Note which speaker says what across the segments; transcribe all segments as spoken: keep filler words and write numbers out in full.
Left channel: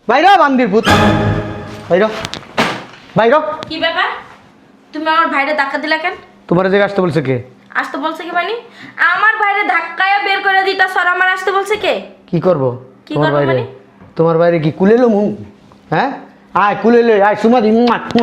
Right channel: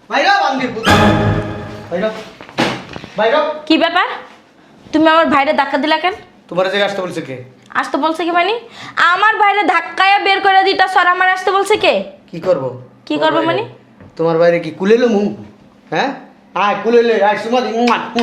Speaker 1: বাইরা বান্দি ভূত বাইরা বাইরা।
Speaker 2: কি ব্যাপার? তুমি আমার ভাইরে ধাক্কা দিলা কেন?
Speaker 1: তোমার জায়গায় আসতে বলছে কে?
Speaker 2: আসতে বলছে কি মানে? আমার ভাইরে ধাক্কায়া বের করে দিটা সর আমার আসতে বলছে কে?
Speaker 1: কি করব?
Speaker 2: কি করব মানে?
Speaker 1: তোমার বাইরে কি কুলেলো মু? হ্যাঁ আয় কুলেলে আয় সুমাদি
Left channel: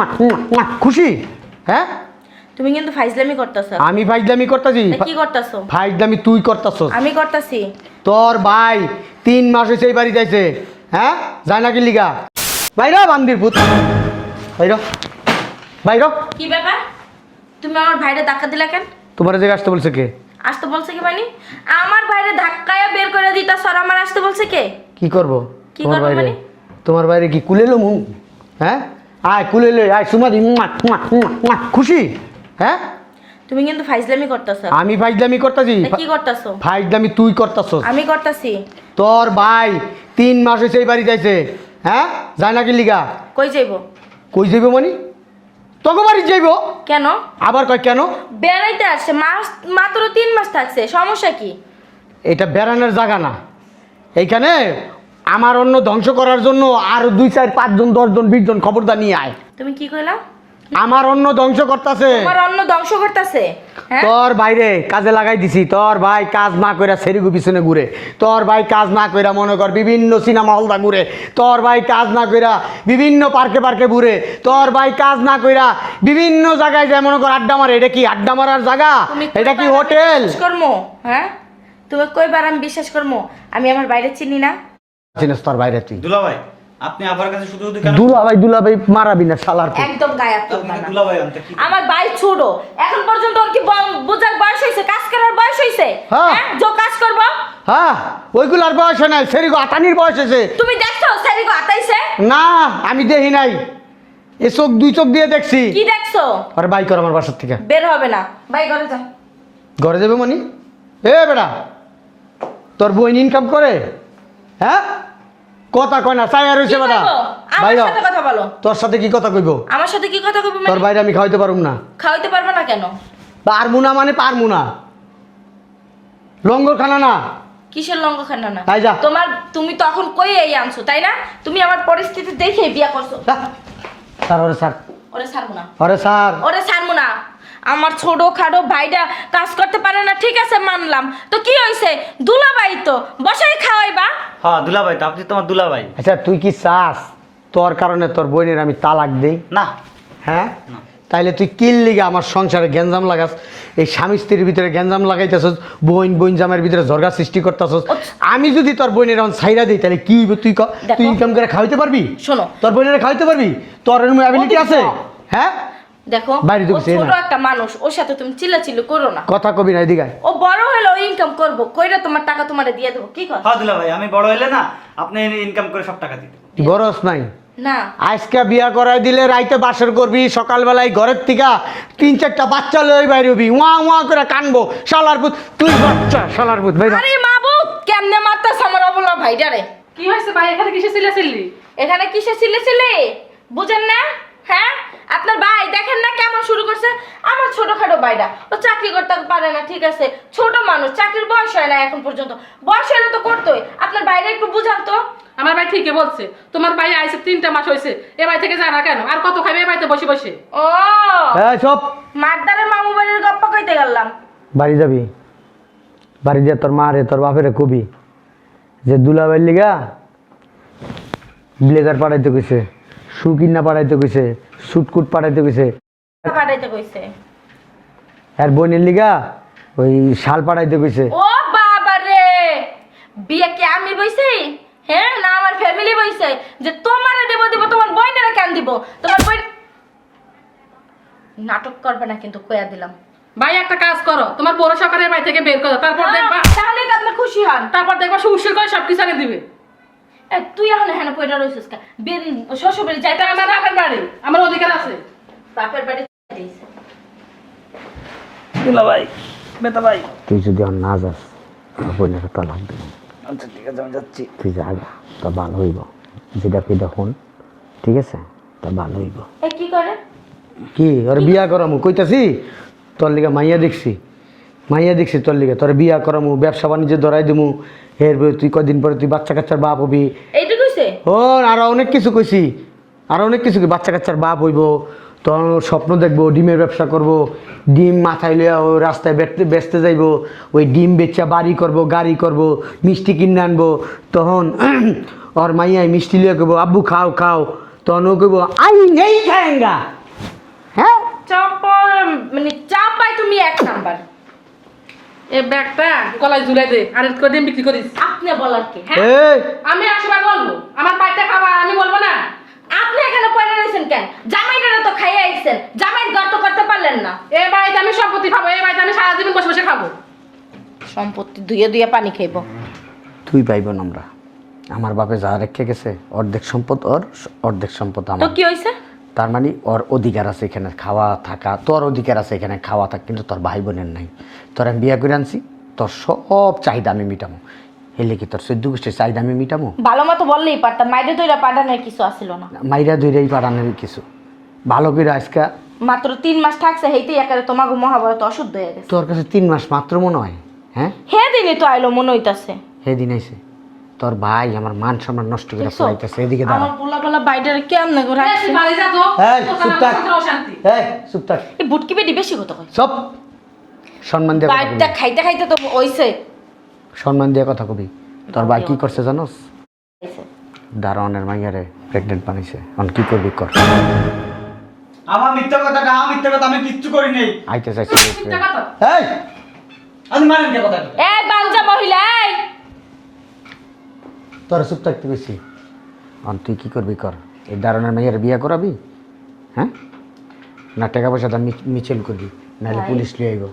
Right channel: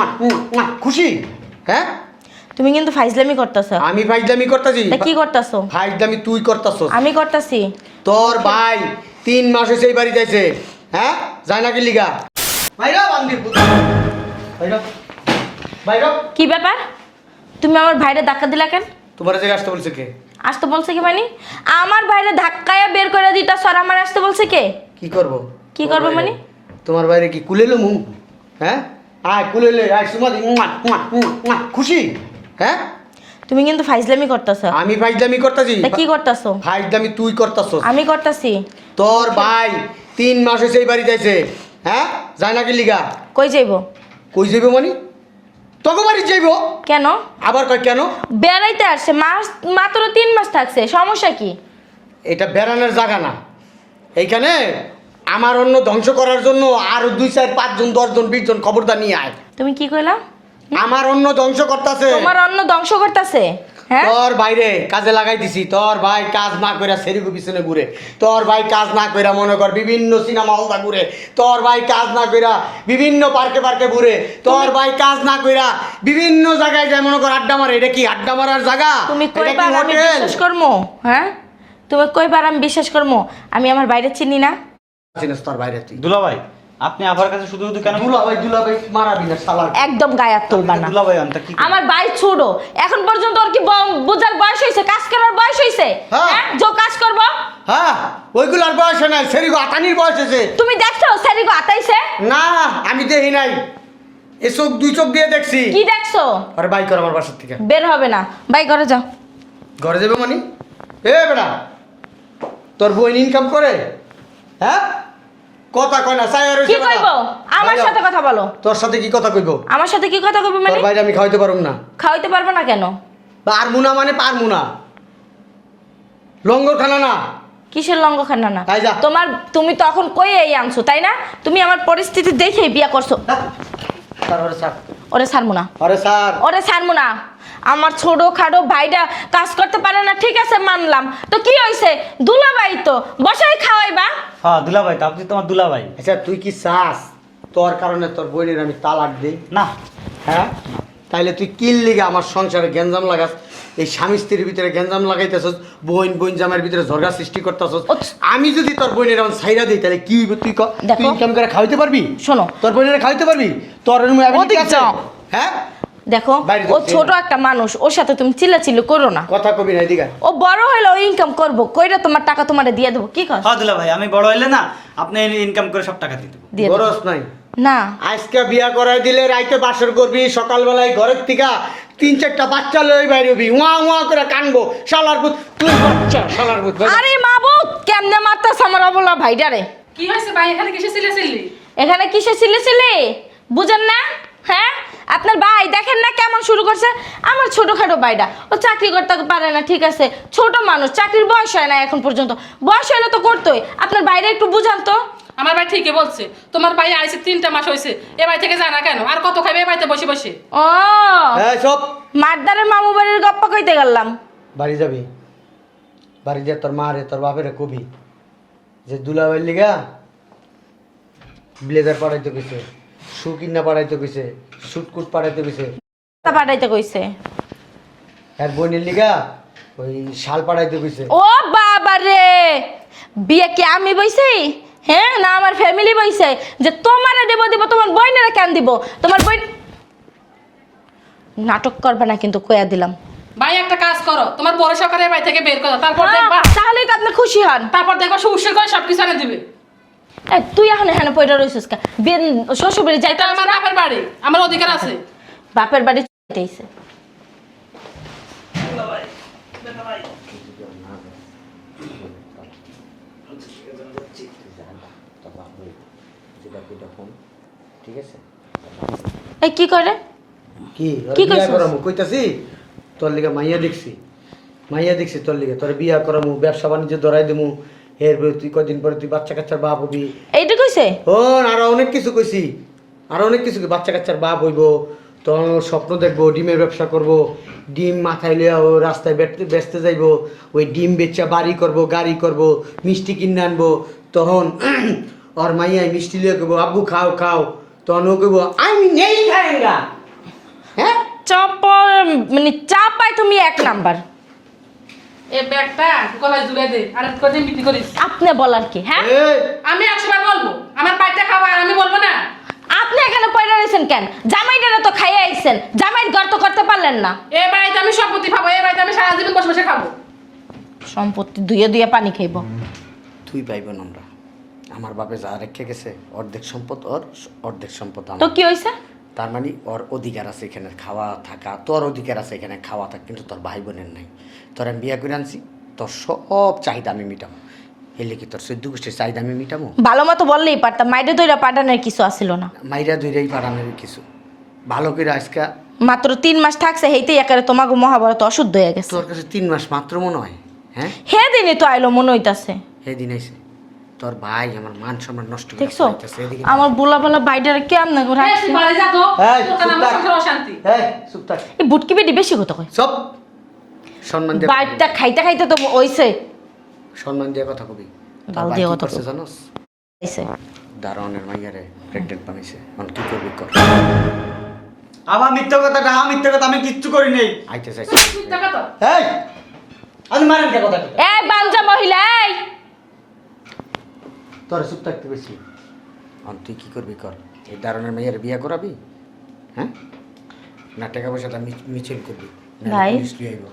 Speaker 1: খুশি? হ্যাঁ
Speaker 2: তুমি কিন্তু ফাইজলামি করতেছ।
Speaker 1: আমি ফাইজলামি করতেছি?
Speaker 2: কি করতেছ?
Speaker 1: ফাইজলামি তুই করতেছস।
Speaker 2: আমি করতেছি।
Speaker 1: তোর ভাই তিন মাস হইছে এই বাড়ি যাইছে। হ্যাঁ যায় না কি লিগা? বাইরা বান্দি ভূত বাইরা বাইরা।
Speaker 2: কি ব্যাপার? তুমি আমার ভাইরে ধাক্কা দিলা কেন?
Speaker 1: তোমার জায়গায় আসতে বলছে কে?
Speaker 2: আসতে বলছে কি মানে? আমার ভাইরে ধাক্কায়া বের করে দিটা সর আমার আসতে বলছে কে?
Speaker 1: কি করব?
Speaker 2: কি করব মানে?
Speaker 1: তোমার বাইরে কি কুলেলো মু? হ্যাঁ আয় কুলেলে আয় সুমাদি খুশি? হ্যাঁ
Speaker 2: তুমি কিন্তু ফাইজলামি করতেছ।
Speaker 1: আমি ফাইজলামি করতেছি?
Speaker 2: কি করতেছ?
Speaker 1: ফাইজলামি তুই করতেছস।
Speaker 2: আমি করতেছি।
Speaker 1: তোর ভাই তিন মাস হইছে এই বাড়ি যাইছে। হ্যাঁ যায় না কি লিগা?
Speaker 2: কই যাইবো?
Speaker 1: কই যাইব মানে? তোকে বাড়ি যাইব?
Speaker 2: কেন?
Speaker 1: আবার কয় কেন?
Speaker 2: বেড়াইতে আসছে, মাস মাত্র তিন মাস থাকছে, সমস্যা কি?
Speaker 1: এটা বেড়ানোর জায়গা না। এইখানে আমার অন্য ধ্বংস করার জন্য আর দুই চার পাঁচজন দশজন বিশ জন খবরদার নিয়ে আয়।
Speaker 2: তুমি কি কইলা?
Speaker 1: আমার অন্য ধ্বংস করতেছে।
Speaker 2: তোমার অন্ন ধ্বংস করতেছে? হ্যাঁ
Speaker 1: তোর বাইরে কাজে লাগাই দিছি। তোর ভাই কাজ না কইরা সেরিগু পিছনে ঘুরে। তোর ভাই কাজ না কইরা মনে কর বিভিন্ন সিনেমা হলদা ঘুরে। তোর ভাই কাজ না কইরা বিভিন্ন পার্কে পার্কে ঘুরে। তোর ভাই কাজ না কইরা বিভিন্ন জায়গায় যায় মনে কর আড্ডা মারে। এটা কি আড্ডা মারার জায়গা? এটা কি হোটেল?
Speaker 2: বিশ্বাস করমু? হ্যাঁ তুমি কইবার আমি বিশ্বাস করমু? আমি আমার বাইরে চিনি না।
Speaker 1: চিনিস তোর বাইরে তুই?
Speaker 3: দুলা ভাই আপনি আবার কাছে শুধু শুধু কেন?
Speaker 1: দুলা ভাই দুলা ভাই মারাবি না শালার।
Speaker 2: একদম গায়ে তুলবা না।
Speaker 3: দুলা ভাই আনতা কি?
Speaker 2: আমার ভাই ছোট, এখন পর্যন্ত ওর কি ব- বোঝার বয়স হইছে? কাজ করার বয়স হইছে?
Speaker 1: হ্যাঁ।
Speaker 2: হ্যাঁ যে কাজ করব?
Speaker 1: হ্যাঁ ওইগুলার বয়স নাই, সেরিগো আতানির বয়স হয়েছে।
Speaker 2: তুমি দেখছো সেলিগো আতাইছে?
Speaker 1: না আমি দেখি নাই, এ চোখ দুই চোখ দিয়ে দেখছি।
Speaker 2: কি দেখছো?
Speaker 1: আর বাই কর আমার বাসার থেকে।
Speaker 2: বের হবে না, বাই করে যাও।
Speaker 1: ঘরে যাবে মানে? এ বেটা তোর বোন ইনকাম করে? হ্যাঁ কথা কয় না চাই আর
Speaker 2: কি
Speaker 1: হইছে বেটা।
Speaker 2: কইবো? আমার
Speaker 1: বাইরে।
Speaker 2: সাথে কথা বলো।
Speaker 1: তোর সাথে কি কথা কইবো?
Speaker 2: আমার সাথে কি কথা কইবো
Speaker 1: তোর
Speaker 2: মানে?
Speaker 1: বাইরে আমি খাওয়াইতে পারুম না।
Speaker 2: খাওয়াইতে পারবে না কেন?
Speaker 1: পারমু না মানে পারমু না, লঙ্গর খানা না।
Speaker 2: কিসের লঙ্গ খান্না না?
Speaker 1: তাই যা।
Speaker 2: তোমার তুমি তখন কই এই আনছো তাই না? তুমি আমার পরিস্থিতি দেখে বিয়ে করছো।
Speaker 1: স্যার ওরে স্যার
Speaker 2: ওরে ছাড়বো না,
Speaker 1: ওরে স্যার
Speaker 2: ওরে ছাড়বো না। আমার ছোট খাটো ভাইটা কাজ করতে পারে না, ঠিক আছে মানলাম, তো কি হয়েছে? দুলাভাই তো বসাই খাওয়াইবা।
Speaker 3: হ্যাঁ দুলা ভাই তো আপনি তোমার দুলা ভাই।
Speaker 1: আচ্ছা তুই কি চাস তোর কারণে তোর বোনের আমি তালাক দিই?
Speaker 3: না
Speaker 1: হ্যাঁ তাইলে তুই কিল লিগে আমার সংসারে গ্যাঞ্জাম লাগাস, এই স্বামী স্ত্রীর ভিতরে গ্যাঞ্জাম লাগাইতেছস, বোন বোন জামের ভিতরে ঝগড়া সৃষ্টি করতেছস। আমি যদি তোর বোনের এখন ছাইরা দিই তাহলে কি হইব? তুই ক
Speaker 2: দেখো।
Speaker 1: তুই ইনকাম করে খাওয়াইতে পারবি?
Speaker 2: শোনো।
Speaker 1: তোর বোনের খাওয়াইতে পারবি? তোর এরকম ability
Speaker 2: ওদিকে
Speaker 1: আছে?
Speaker 2: যাও।
Speaker 1: হ্যাঁ
Speaker 2: দেখো
Speaker 1: বাইরে
Speaker 2: ও
Speaker 1: যাচ্ছি
Speaker 2: ছোট
Speaker 1: না।
Speaker 2: একটা মানুষ, ওর সাথে তুমি চিল্লাচিল্লি করো না।
Speaker 1: কথা কবি না এদিকে।
Speaker 2: ও বড় হলে ও ইনকাম করবো, কইরা তোমার টাকা তোমারে দিয়ে দেবো। কি কর?
Speaker 3: হ্যাঁ দুলা ভাই আমি বড় হইলে না আপনি ইনকাম করে সব টাকা দিতে।
Speaker 2: দিয়ে দেবো।
Speaker 1: গরজ নাই।
Speaker 2: না
Speaker 1: আজকে বিয়া করাই দিলে রাইতে বাসর করবি, সকালবেলায় ঘরের থেকে তিন চারটা বাচ্চা লই বাইরবি, ওয়া ওয়া করে কানবো। শালার পুত তুই বাচ্চা, শালার পুত ভাই।
Speaker 2: আরে মাবুত কেমনে মারতাছ আমার অবলা ভাইডারে?
Speaker 4: কি হয়েছে ভাই? এখানে কিসে ছিলে ছিলি?
Speaker 2: এখানে কিসে ছিলে ছিলে বুঝেন না? হ্যাঁ আপনার ভাই দেখেন না কেমন শুরু করছে? আমার ছোটখাটো ভাইটা ও চাকরি করতে পারে না, ঠিক আছে, ছোট মানুষ, চাকরির বয়স হয় না এখন পর্যন্ত, বয়স হলে তো করতোই। আপনার বাইরে একটু বুঝান তো।
Speaker 4: আমার ভাই ঠিকই বলছে, তোমার ভাই আইছে তিনটা মাস হয়েছে, এ বাড়ি থেকে যায় না কেন? আর কত খাইবে এ বাড়িতে বসে বসে?
Speaker 2: ও
Speaker 1: এই সব
Speaker 2: মারদারের মামু বাড়ির গপ্প কইতে গেলাম।
Speaker 1: বাড়ি যাবি, বাড়ি যা তোর মা রে তোর বাপেরে কবি যে দুলাভাইয়ের লিগা ব্লেজার পাঠাইতে কইছে, শু কিনা পাঠাইতে কইছে, সুটকুট পাঠাইতে কইছে,
Speaker 2: তা পাঠাইতে কইছে।
Speaker 1: আর বোনের লিগা ওই শাল পাঠাইতে কইছে।
Speaker 2: ও বাবা রে, বিয়ে কি আমি বইছি? হ্যাঁ না আমার ফ্যামিলি বইছে যে তোমারে দেব দেব, তোমার বইনেরা কেন দিব? তোমার বই নাটক করবে না কিন্তু কইয়া দিলাম।
Speaker 4: ভাই একটা কাজ করো, তোমার বড় সরকার এ বাড়ি থেকে বের করো, তারপর দেখবা,
Speaker 2: তাহলে তো আপনি খুশি হন।
Speaker 4: তারপর দেখবা শ্বশুর করে সব কিছু এনে দিবে।
Speaker 2: এই, তুই এখন এখানে পয়টা রইছিস কা? বিন শ্বশুর বাড়ি যাইতে
Speaker 4: এটা আমার বাপের বাড়ি, আমার অধিকার আছে।
Speaker 2: বাপের বাড়ি যাইতেইছে।
Speaker 3: দুলা ভাই বেটা ভাই।
Speaker 1: তুই যদি আর না যাস তোর বোনের তালাক দিবি।
Speaker 3: আচ্ছা ঠিক আছে আমি যাচ্ছি।
Speaker 1: তুই যা আগে তা ভালো হইব, যেটা তুই দেখুন ঠিক আছে তা ভালো হইব।
Speaker 2: এই কি করে?
Speaker 1: কি ওর
Speaker 2: কি
Speaker 1: বিয়া
Speaker 2: কইছিস?
Speaker 1: করামু কইতাছি, তোর লিগা মাইয়া দেখছি, মাইয়া দেখছি তোর লিগা, তোর বিয়া করামু, ব্যবসা বাণিজ্য ধরাই দিমু, এর তুই কদিন পরে তুই বাচ্চা কাচ্চার বাপ হবি।
Speaker 2: এইটা কইছিস? হইছে?
Speaker 1: ও আরো অনেক কিছু কইছি, আরো অনেক কিছু কই- বাচ্চা কাচ্চার বাপ হইব, তখন ও স্বপ্ন দেখবো ডিমের ব্যবসা করব, ডিম মাথায় লিয়া ও রাস্তায় বেচতে বেচতে যাইব, ওই ডিম বেচা বাড়ি করব, গাড়ি করব, মিষ্টি কিনে আনবো, তখন ওর মাইয়াই মিষ্টি লিয়ে কইব আব্বু খাও খাও, তখন ও কইব আমি নেই খাएंगा। হ্যাঁ
Speaker 2: চাপার মানে চাপাই তুমি এক নাম্বার।
Speaker 4: এই ব্যাগটা গলায় ঝুলাই দে আর কদিন বিক্রি করিস।
Speaker 2: আপনি বলার কি? হ্যাঁ
Speaker 1: এই
Speaker 4: আমি একশো বার বলবো আমার বাড়িতে খাবার আমি বলবো না।
Speaker 2: আপনি এখানে পড়ে রয়েছেন কেন? জামাইটারে তো খাইয়ে আইছেন, জামাইয়ের গর্ত করতে পারলেন না।
Speaker 4: এ বাড়িতে আমি সম্পত্তি পাবো, এ বাড়িতে আমি সারা জীবন বসে বসে খাবো।
Speaker 2: সম্পত্তি দুইয়ে দুইয়ে পানি খাইব।
Speaker 1: তুই পাইব না আমরা, আমার বাপে যা রেখে গেছে অর্ধেক সম্পদ ওর, অর্ধেক সম্পদ
Speaker 2: তো
Speaker 1: আমার।
Speaker 2: কি হইছে?
Speaker 1: তার মানে ওর অধিকার আছে এখানে খাওয়া থাকা, তোর অধিকার আছে এখানে খাওয়া থাকা, কিন্তু তোর ভাই বোনের নাই। তোর আমি বিয়া করে আনছি, তোর সব চাহিদা আমি মিটামো। এলে কি তোর চোদ্দ গোষ্ঠীর চাহিদা আমি মিটামো?
Speaker 2: ভালো মতো বললেই পারতাম, মাইরে দইরা পাঠানোর কিছু আসিল না।
Speaker 1: মাইরা দুইরাই পাঠানোর কিছু ভালো করে আজকা।
Speaker 2: মাত্র তিন মাস থাকছে, হেইতেই একেবারে তোমাকে মহাভারত অশুদ্ধ হয়ে গেছে।
Speaker 1: তোর কাছে তিন মাস মাত্র মনে হয়? হ্যাঁ
Speaker 2: হে দিনই তো আইলো মনে হইতাছে।
Speaker 1: সেদিন আইসে তোর ভাই আমার মান সম্মান নষ্ট করে
Speaker 2: দেখছো
Speaker 1: চলাইতেছে। এদিকে দাঁড়া।
Speaker 2: আমার বোলা বেলা বাইরে কেমনে গো
Speaker 4: এ,
Speaker 2: রাখছে?
Speaker 4: তুই বাড়ি যা তো,
Speaker 1: এই,
Speaker 4: তোর কারণে
Speaker 1: চুপ
Speaker 4: আমার
Speaker 1: থাক।
Speaker 4: সংসারে অশান্তি।
Speaker 1: এই, চুপ থাক।
Speaker 2: এই বুটকি বেটি বেশি কথা কই।
Speaker 1: সব সম্মান দিয়ে কথা
Speaker 2: বাইরটা
Speaker 1: কবি।
Speaker 2: খাইতে খাইতে তো হইছে।
Speaker 1: সম্মান দিয়ে কথা কবি। তোর
Speaker 2: গাল
Speaker 1: ভাই
Speaker 2: দিয়ে
Speaker 1: কি
Speaker 2: কথা
Speaker 1: করছে
Speaker 2: কবি।
Speaker 1: জানোস?
Speaker 2: হইছে।
Speaker 1: দারোয়ানের মাইয়ারে প্রেগনেন্ট বানাইছে। এখন কি করবি কর।
Speaker 3: আবার মিথ্যা কথা কা মিথ্যা কথা আমি কিচ্ছু করি নাই।
Speaker 1: আইতে চাইছে।
Speaker 4: টাকা তো
Speaker 1: এই
Speaker 3: আমি মারেন কে কথা
Speaker 2: এই বাঞ্জা মহিলা এই
Speaker 1: তোর চুপ থাকতে বেশি। এখন তুই কি করবি কর। এই দারোয়ানের মাইয়ারে বিয়ে করাবি? হ্যাঁ না টাকা পয়সা দাম মিছিল করবি, না
Speaker 2: ভাই।
Speaker 1: পুলিশ লিয়ে আইব।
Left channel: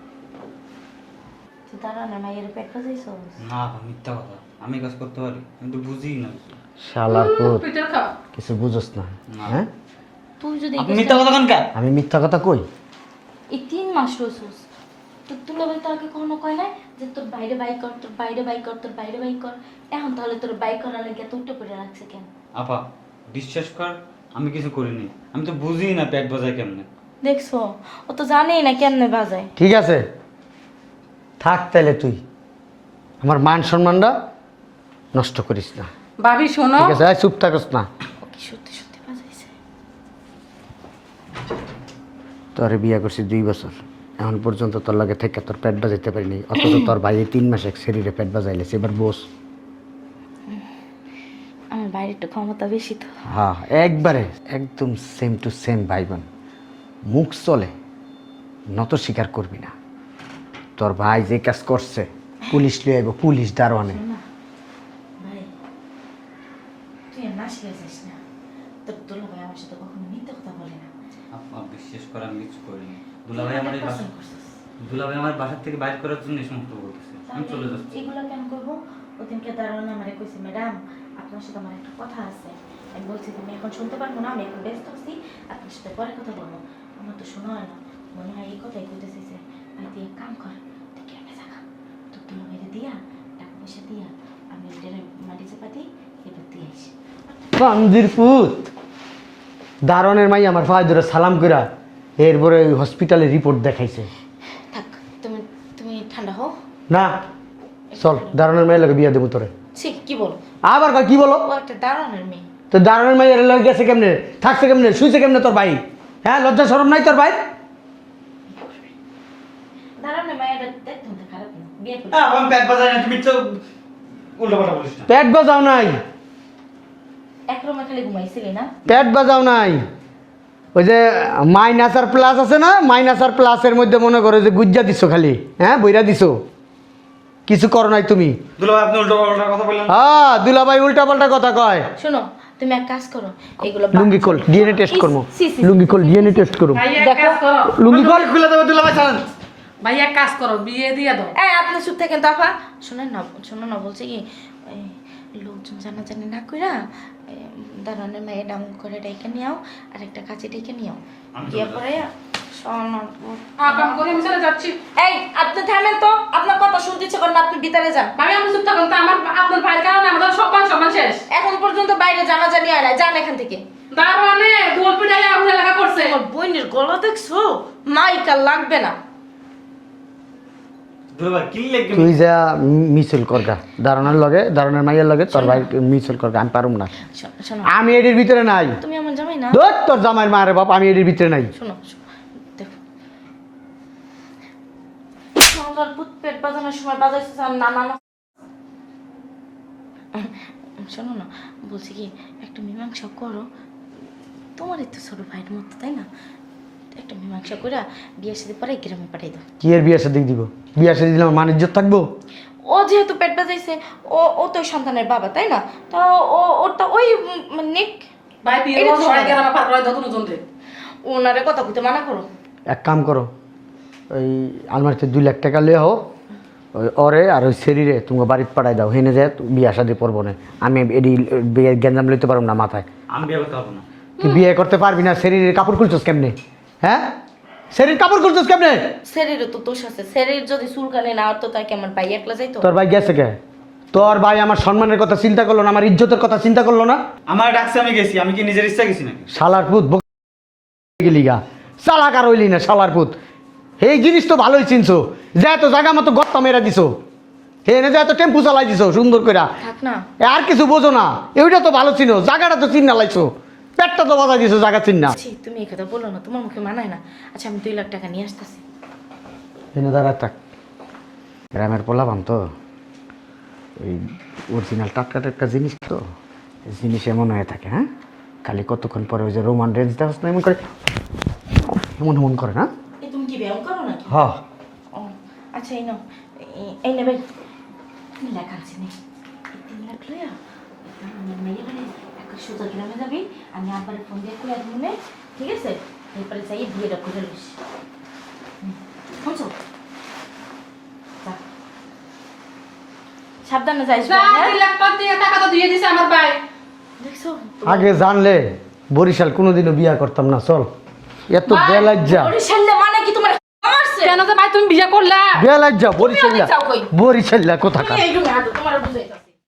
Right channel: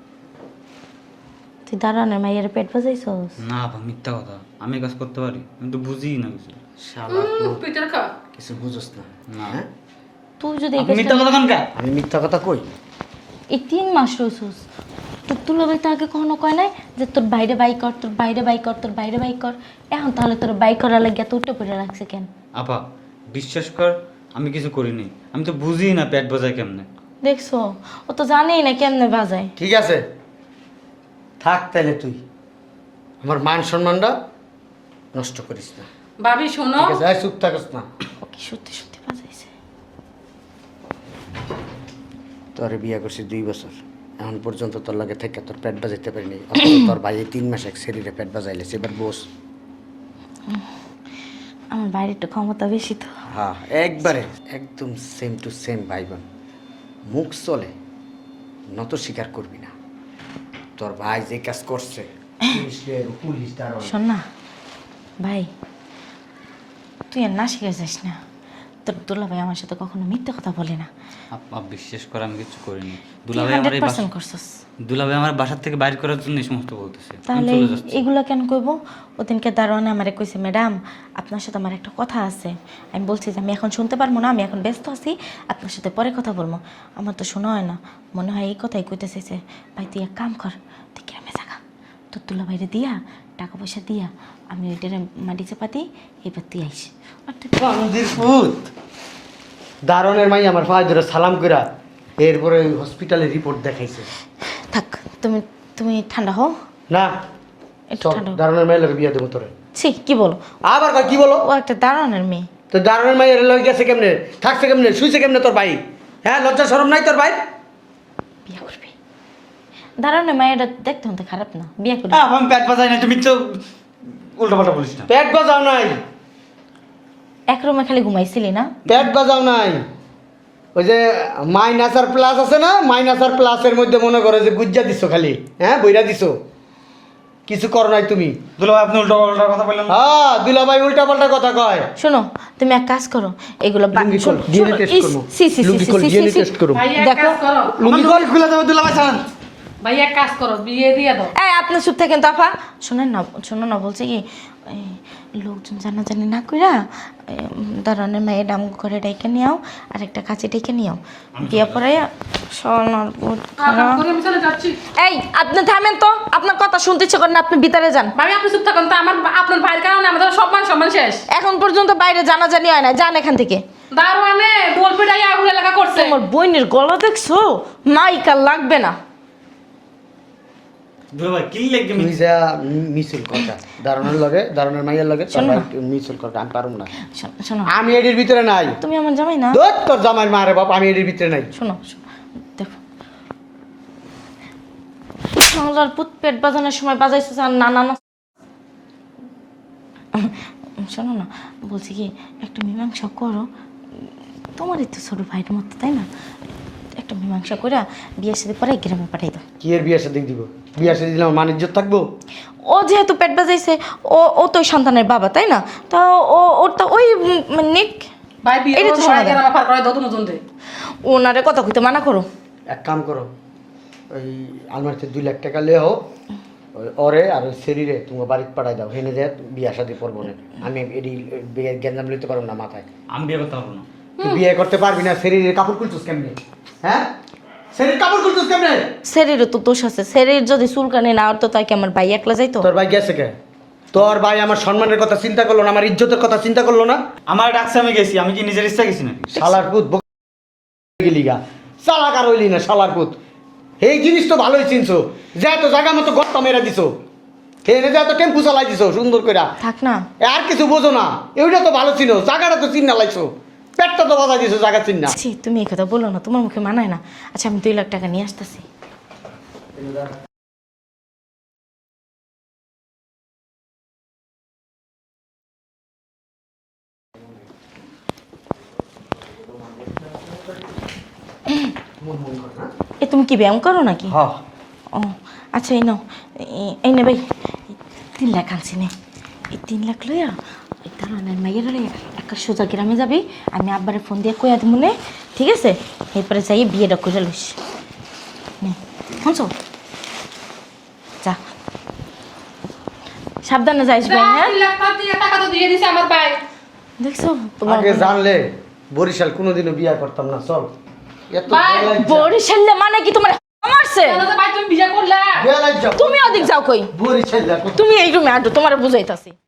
Speaker 2: তুই দাঁড়ানোর মাইয়ের পেট বাজাইছস?
Speaker 3: না আপা মিথ্যা কথা, আমি কাজ করতে পারি, আমি তো বুঝি না কিছু।
Speaker 1: শালার পুত
Speaker 4: পিঠের খা।
Speaker 1: কিছু বুঝোস না।
Speaker 3: না।
Speaker 1: হ্যাঁ
Speaker 2: তুই যদি
Speaker 3: আপনি মিথ্যা কথা কেন কে?
Speaker 1: আমি মিথ্যা কথা কই?
Speaker 2: এই তিন মাস রইছস, তোর তুলাবাই তো আগে কখনো কয় নাই যে তোর বাইরে বাই কর, তোর বাইরে বাই কর, তোর বাইরে বাই কর। এখন তাহলে তোর বাই করা লাগে এত উঠে পড়ে রাখছে কেন?
Speaker 3: আপা বিশ্বাস কর আমি কিছু করিনি, আমি তো বুঝি না পেট বাজায় কেমনে।
Speaker 2: দেখছো, ও তো জানেই না কেমনে বাজায়।
Speaker 1: ঠিক আছে থাক তাইলে, তুই আমার মান সম্মানটা নষ্ট করিস না।
Speaker 4: ভাবি শোনো,
Speaker 1: ঠিক আছে এই চুপ থাকস না।
Speaker 2: ও কি সত্যি সত্যি বাজাইছে?
Speaker 1: তোরে বিয়ে করছি দুই বছর, এখন পর্যন্ত তোর লাগে থেকে তোর পেট বাজাইতে পারিনি, অথচ তোর ভাই এই তিন মাস এক শরীরে পেট বাজাইলেছে। এবার বস।
Speaker 2: আমার বাইরে একটু ক্ষমতা বেশি তো।
Speaker 1: হ্যাঁ একবারে একদম সেম টু সেম ভাই বোন। মুখ চলে নত স্বীকার করবি না। তোর ভাই যে কাজ করছে পুলিশ লিয়ে আইব, পুলিশ দারোয়ান।
Speaker 2: শোন না ভাই, তুই আর না শিখে যাস না। তোর দুলা ভাই আমার সাথে কখনো মিথ্যে কথা বলে না।
Speaker 3: আপা বিশ্বাস কর আমি কিছু করিনি।
Speaker 2: তুই
Speaker 3: দুলাভাই আমার
Speaker 2: হান্ড্রেড
Speaker 3: এই
Speaker 2: পার্সেন্ট
Speaker 3: বাসা-
Speaker 2: করছিস।
Speaker 3: দুলাভাই আমার বাসার থেকে বাইরে করার জন্য এই সমস্ত বলতেছে। আমি
Speaker 2: তাহলে
Speaker 3: চলে যাচ্ছি।
Speaker 2: এগুলো কেন করবো? ওদিনকে দারোয়ানে আমারে কইছে, ম্যাডাম আপনার সাথে আমার একটা কথা আছে। আমি বলছি যে আমি এখন শুনতে পারবো না, আমি এখন ব্যস্ত আছি, আপনার সাথে পরে কথা বলবো। আমার তো শোনা হয় না, মনে হয় এই কথাই কইতেছে যে ভাই তুই এক কাম কর, তুই গ্রামে থাকা, তোর তুলা বাইরে দিয়া টাকা পয়সা দিয়া আমি ওইটার মাটি চাপা দিই, এবার তুই আইস।
Speaker 1: বান্দির পুত দারোয়ানের মাই আমার ভাই ধরে সালাম কইরা এরপরে হসপিটালে রিপোর্ট দেখাইছে।
Speaker 2: থাক, তুমি তুমি ঠান্ডা হও।
Speaker 1: না
Speaker 2: একটু
Speaker 1: সব
Speaker 2: ঠান্ডা হও।
Speaker 1: দারোয়ানের মাই লাগে বিয়ে দেবো তোরে।
Speaker 2: ছি, কি বলো?
Speaker 1: আবার কা কি বলো?
Speaker 2: ও একটা দারোয়ানের মেয়ে।
Speaker 1: তো দারোয়ানের মাই লয়ে গেছে কেমনে, থাকছে কেমনে, শুইছে কেমনে তোর ভাই? হ্যাঁ লজ্জা শরম নাই তোর ভাই?
Speaker 2: বিয়ে করবি? দারোয়ানের মেয়েটা দেখতে হতে খারাপ না, বিয়ে করবি।
Speaker 3: আহ, আমি পেট বাজাই না, তুমি তো উল্টা পাল্টা বলিস না।
Speaker 1: পেট বাজাও নাই,
Speaker 2: এক রুমে খালি ঘুমাইছিলি না?
Speaker 1: পেট বাজাও নাই। ওই যে মাইনাস আর প্লাস আছে না, মাইনাস আর প্লাসের মধ্যে মনে করো যে গুজ্জা দিছো খালি, হ্যাঁ বইরা দিছো, কিছু করো নাই তুমি।
Speaker 3: দুলাভাই আপনি উল্টা পাল্টা কথা বললেন।
Speaker 1: হ্যাঁ দুলাভাই উল্টা পাল্টা কথা কয়।
Speaker 2: শোনো, তুমি এক কাজ করো, এগুলো বাদ-
Speaker 1: লুঙ্গি খোল,
Speaker 2: শোনো,
Speaker 1: ডিএনএ
Speaker 2: শোনো,
Speaker 1: টেস্ট
Speaker 2: ইস,
Speaker 1: করবো।
Speaker 2: সি, সি, সি,
Speaker 1: লুঙ্গি
Speaker 2: সি,
Speaker 1: খোল,
Speaker 2: সি,
Speaker 1: ডিএনএ
Speaker 2: সি,
Speaker 1: টেস্ট করবো।
Speaker 4: ভাই এক
Speaker 2: দেখো।
Speaker 4: কাজ করো,
Speaker 1: লুঙ্গি খোল, খুলে দেবো দুলাভাই চালান।
Speaker 4: ভাই এক কাজ করো, বিয়ে দিয়ে দাও।
Speaker 2: এই আপনি চুপ থাকেন তো আপা। শোনেন না, শোনো না, বলছে কি এই, লোকজন জানাজানি না কইরা দারণের মায়ে ডাম করে ডেকে নিয়াও আর একটা কাছে ডেকে নিয়াও দিয়া পড়াইয়া সরনার
Speaker 4: কাম করে আমি চলে যাচ্ছি।
Speaker 2: এই আপনি থামেন তো, আপনার কথা শুনতে ইচ্ছে করে না, আপনি ভিতরে যান।
Speaker 4: ভাই আমি চুপ থাকুন তো, আমার আপনার ভাইয়ের কারণে আমাদের সম্মান সম্মান শেষ।
Speaker 2: এখন পর্যন্ত বাইরে জানাজানি হয় না, যান এখান থেকে।
Speaker 4: দারবানে দোল পিটাইয়া আগুনে লেখা করছে।
Speaker 2: আমার বইনের গলা দেখছো, মাইকা লাগবে না।
Speaker 3: দুলা ভাই কি লেগে
Speaker 1: তুই যা মিছিল করগা দারুণের লগে দারুণের মাইয়ের লগে তোর ভাই মিছিল করগা আমি পারুম না
Speaker 2: শোনো, শোনো
Speaker 1: আমি এটির ভিতরে নাই
Speaker 2: তুমি আমার জামাই না
Speaker 1: ধুর, তোর জামাইয়ের মারে বাপ আমি এটির ভিতরে নাই
Speaker 2: শোনো শোনো, দেখো বাংলার পুত পেট বাজানোর সময় বাজাইছে আর না না না শোনো না বলছি কি একটু মীমাংসা করো তোমারই তো ছোট ভাইয়ের মতো তাই না একটা মীমাংসা করে বিয়ের সাথে পরে গ্রামে পাঠাই দাও
Speaker 1: কি এর বিয়ে সাথে দিব বিয়ে সাথে দিলে আমার মান ইজ্জত থাকবো
Speaker 2: ও যেহেতু পেট বাজাইছে ও ও তো ওই সন্তানের বাবা তাই না তা ও ওর তো ওই নেক
Speaker 4: ভাই বিয়ে
Speaker 2: এটা তো
Speaker 4: করবো,
Speaker 2: শোনা
Speaker 4: ভাই
Speaker 2: যায়।
Speaker 4: কেন পার করে দত নতুন দে
Speaker 2: ওনারে কথা কইতে মানা করো
Speaker 1: এক কাম করো ওই আলমারিতে দুই লাখ টাকা লিয়ে হো ওই অরে আর ওই শরীরে তোমাকে বাড়িতে পাঠাই দাও হেনে যায় বিয়ে শাদি করবো না আমি এডি বিয়ে গ্যাঞ্জাম লইতে পারবো না মাথায়
Speaker 3: আমি বিয়ে করতে পারবো না
Speaker 1: তুই বিয়ে করতে পারবি না শরীরের কাপড় খুলছস কেমনে হ্যাঁ শরীর কাপড় খুলছস কেমনে
Speaker 2: শরীরে তো দোষ আছে শরীর যদি চুলকানি না হতো তাই কি আমার ভাই একলা যাইতো
Speaker 1: তোর ভাই গেছে কে তোর ভাই আমার সম্মানের কথা চিন্তা করলো না আমার ইজ্জতের কথা চিন্তা করলো না
Speaker 3: আমার ডাকছে আমি গেছি আমি কি নিজের ইচ্ছা গেছি না
Speaker 1: শালার পুত গিলিগা শালা কার হইলি না শালার পুত এই জিনিস তো ভালোই চিনছো যে এত জায়গা মতো গর্তা মেরা দিছো হেনে যে এত টেম্পু চালাই দিছো সুন্দর করে
Speaker 2: থাক না
Speaker 1: আর কিছু বোঝো না এটা তো ভালো চিনো জায়গাটা তো চিন্না লাইছো পেটটা তো বাজা দিছো জায়গা চিন্না
Speaker 2: ছি, তুমি এই কথা বলো না তোমার মুখে মানায় না আচ্ছা আমি দুই লাখ টাকা নিয়ে আসতেছি
Speaker 1: এনে দাঁড়া থাক গ্রামের পোলাবান তো ওই অরিজিনাল টাটকা টাটকা জিনিস তো এই জিনিস এমন হয়ে থাকে হ্যাঁ খালি কতক্ষণ পরে ওই যে রোমান রেঞ্জ দেওয়া এমন করে এমন এমন করে না
Speaker 2: এ তুমি কি ব্যায়াম করো নাকি
Speaker 1: হ্যাঁ
Speaker 2: ও আচ্ছা এই নাও এই- এই নে ভাই তিন লাখ আনছি নে এই তিন লাখ লইয়া ওই দাঁড়ানের মাইয়ের লইয়া একটা সোজা গ্রামে যাবি আমি আব্বারে ফোন দিয়ে কইয়া দিব মনে ঠিক আছে এরপরে যাই বিয়েটা করে লইস নে শুনছো যা সাবধানে যাইস ভাই হ্যাঁ
Speaker 4: তিন লাখ টাকা দিয়ে টাকা তো দিয়ে দিছে আমার ভাই
Speaker 2: দেখছো তোমার
Speaker 1: আগে জানলে বরিশাল কোনোদিনও বিয়া করতাম না চল এত
Speaker 4: ভাই,
Speaker 1: বেলাজ্জা
Speaker 2: বরিশাল না মানে কি তোমার মারছে
Speaker 4: কেন যে ভাই তুমি বিয়ে করলা
Speaker 1: বেলাজ্জা
Speaker 2: তুমি ওদিক যাও কই
Speaker 1: বরিশাল কোথায়
Speaker 2: তুমি এই রুমে আটো তোমার বুঝাইতাছি